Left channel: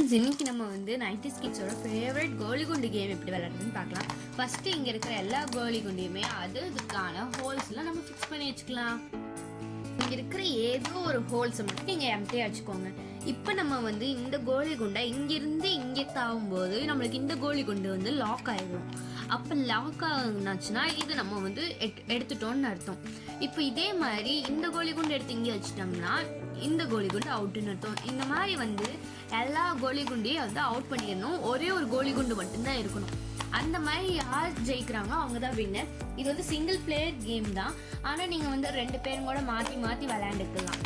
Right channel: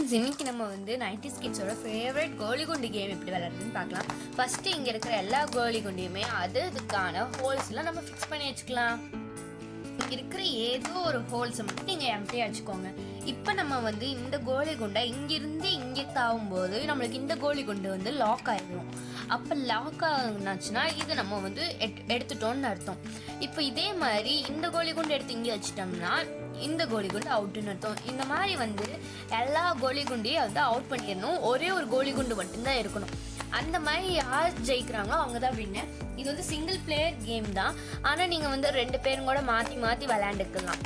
இன்னைக்கு நம்ம வந்து 90s கிட்ஸோட ஃபேவரட் கோலி குண்டு கேம் எப்படி விளையாடுறதுன்னு பார்க்கலாம். ஃபர்ஸ்ட் இங்க இருக்கிற எல்லா கோலி குண்டையுமே அதுக்கான ஹோல்ஸ்லாம் நம்ம ஃபிக்ஸ் பண்ணி வச்சுக்கலாம். இங்க இருக்கிற ஏதோ ஒரு ஹோல்ஸ் மட்டும் நீங்க எம்டியா வச்சுக்கோங்க. இப்போ நம்ம வந்து இந்த கோலி குண்டை இங்கிருந்து இங்கே தாவும்போது நம்மளுக்கு இந்த கோலி குண்டு வந்து லாக் ஆயிடும். அப்போ லாக் ஆகுனாச்சுன்னா இது நம்ம வந்து எடுத்துட்டோம்னு அர்த்தம். இப்போ இதே மாதிரி இந்த கோலி குண்டு எடுத்து இங்கே வச்சுட்டோம்னா இந்த கோலி குண்டு அவுட்டுன்னு அர்த்தம். இந்த மாதிரி வந்து எல்லா கோலி குண்டையும் வந்து அவுட் பண்ணிடணும். ஒரே ஒரு கோலி குண்டு மட்டும்தான் இருக்கணும். அந்த மாதிரி யார் ஜெயிக்கிறாங்களோ அவங்க தான் வின்னர். இது வந்து சிங்கிள் பிளேயர் கேம் தான். ஆனால் நீங்கள் வந்து 2 பேரும் கூட மாற்றி மாற்றி விளையாண்டுக்கலாம்.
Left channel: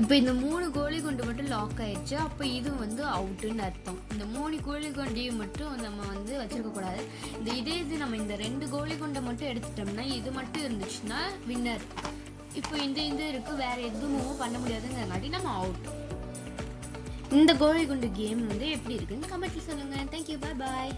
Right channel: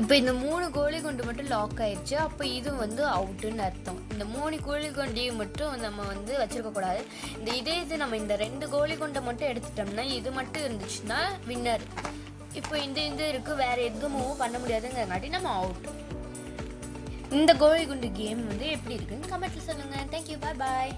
இப்போ இந்த 3 கோலி குண்டு மட்டும் லாக் ஆயிடுச்சு. அப்போ இது வந்து அவுட்டுன்னு அர்த்தம். இந்த 3 கோலி குண்டையும் மட்டும் நம்ம வந்து வச்சிருக்க கூடாது. இது நம்ம இந்த 2 கோலி குண்டை மட்டும் எடுத்துட்டோம்னா இது மட்டும் இருந்துச்சுன்னா வின்னர். இப்போ இந்த இருக்கு, வேற எதுவும் பண்ண முடியாதுங்கிறனாட்டி நம்ம அவுட். இந்த கோலி குண்டு கேம் வந்து எப்படி இருக்குன்னு கமெண்ட்ல சொல்லுங்க. தேங்க்யூ, பாய் பாய்.